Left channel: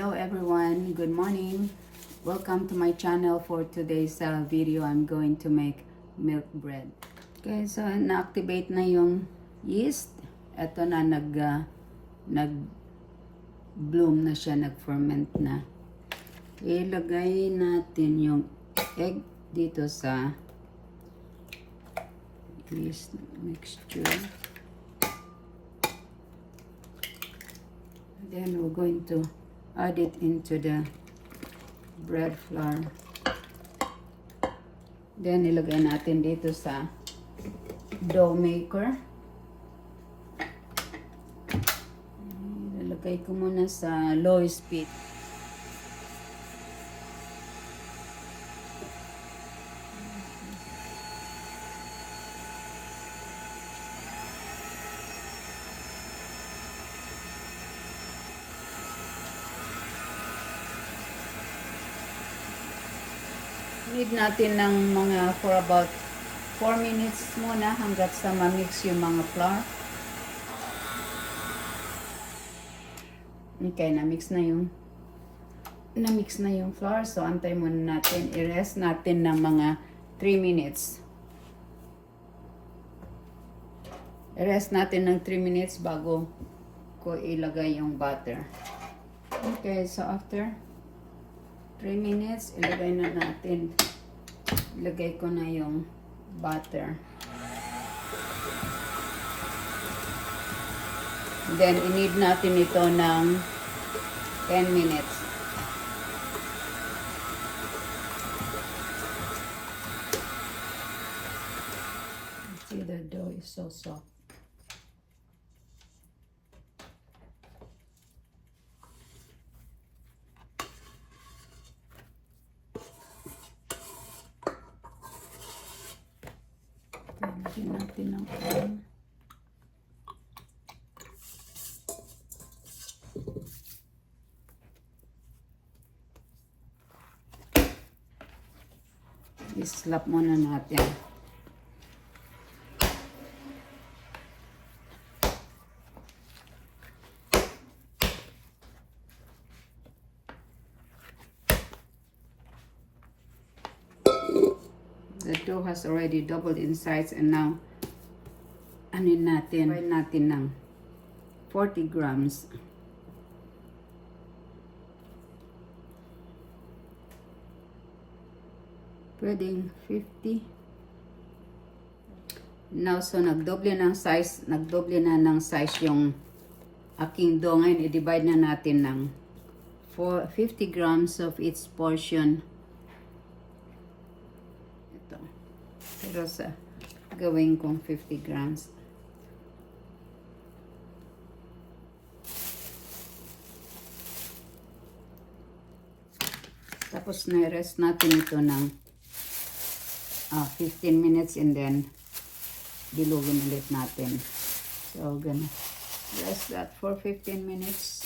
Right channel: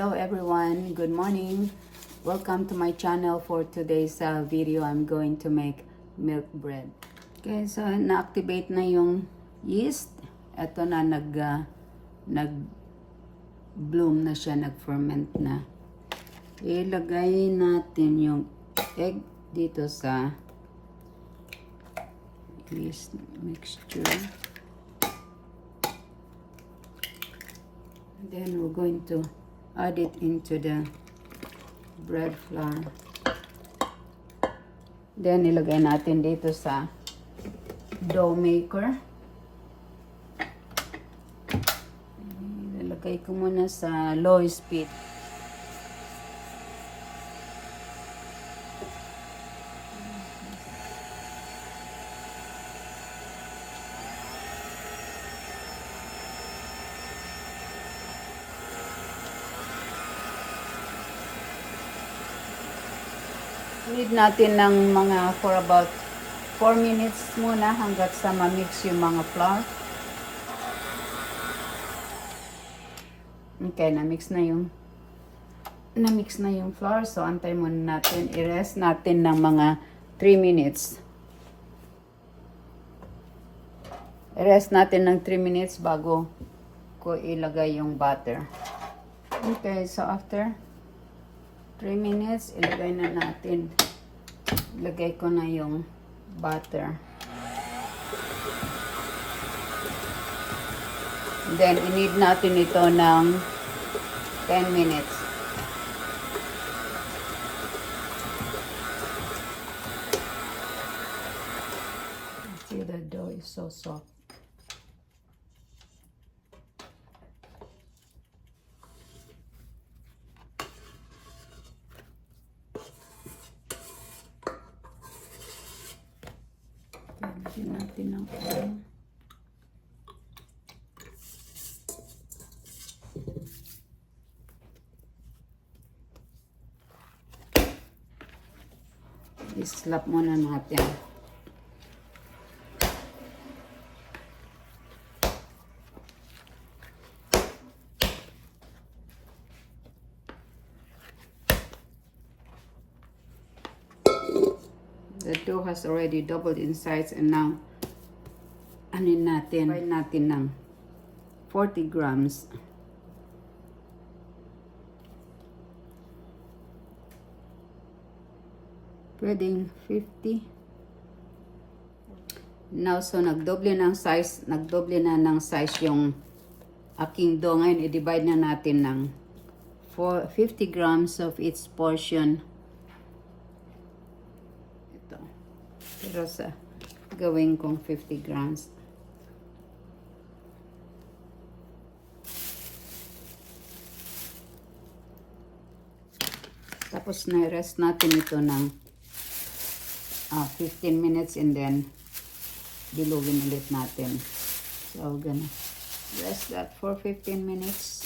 Hello everyone, good morning. Welcome to my channel. For today's video, I'm going to make milk bread. Okay, so na-activate na yung yeast. Ito na nag-bloom na siya, nag-ferment na. Ilagay natin yung egg dito sa this mixture. Then we're going to add it into the bread flour. Then ilagay natin dito sa dough maker. Ilalagay ko muna sa low speed. Need natin ng mga for about 4 minutes muna hanggat sa ma-mix yung mga flour. Okay, na-mix na yung flour. So, antay muna natin. I-rest natin ng mga 3 minutes. I-rest natin ng 3 minutes bago ko ilagay yung butter. Okay, so after 3 minutes, ilagay na natin. Ilagay ko na yung butter. Then, i-knead natin ito ng 10 minutes. See, the dough is so soft. Lagyan natin ng oil. I-slap muna natin. The dough has already doubled in size, and now anin natin ng 40 grams. Pwedeng 50. Now, so nagdoble na ng size yung aking dough. Ngayon, i-divide na natin ng 50 grams of each portion. Ito. Pero sa gawin kong 50 grams. Tapos na-rest natin ito ng 15 minutes, and then dilugin ulit natin. So, gonna rest that for 15 minutes.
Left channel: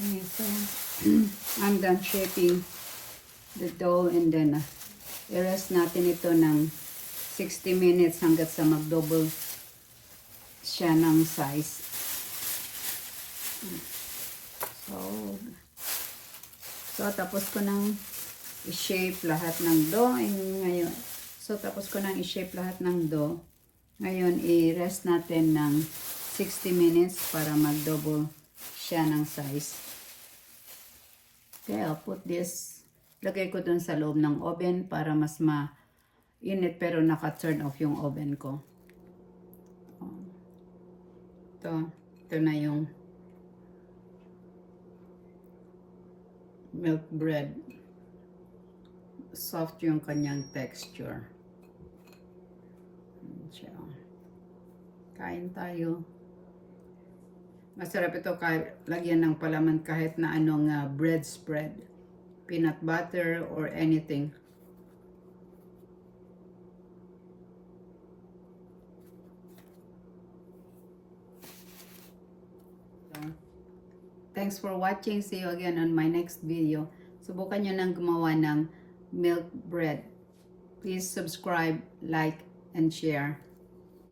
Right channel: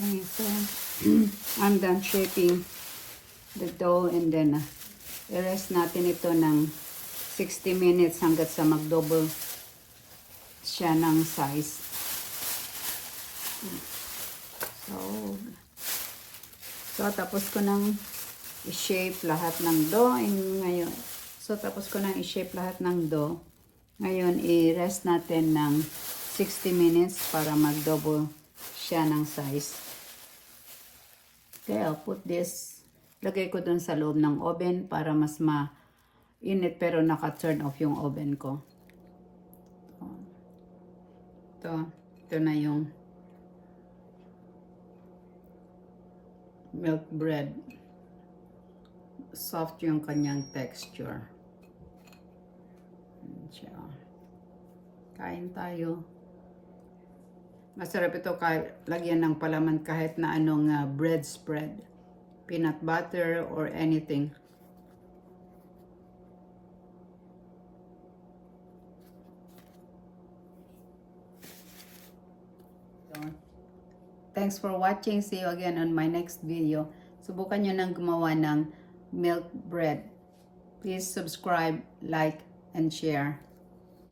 Okay, so I'm done shaping the dough and then i-rest natin ito ng 60 minutes hanggat sa mag-double siya ng size. So tapos ko nang i-shape lahat ng dough ngayon. So tapos ko nang i-shape lahat ng dough. Ngayon i-rest natin ng 60 minutes para mag-double siya ng size. Okay, I'll put this. Lagay ko dun sa loob ng oven para mas mainit pero naka-turn off yung oven ko. Ito na yung milk bread. Soft yung kanyang texture. Kain tayo. Masarap ito lagyan ng palaman kahit na anong bread spread. Peanut butter or anything. Thanks for watching. See you again on my next video. Subukan nyo nang gumawa ng milk bread. Please subscribe, like, and share.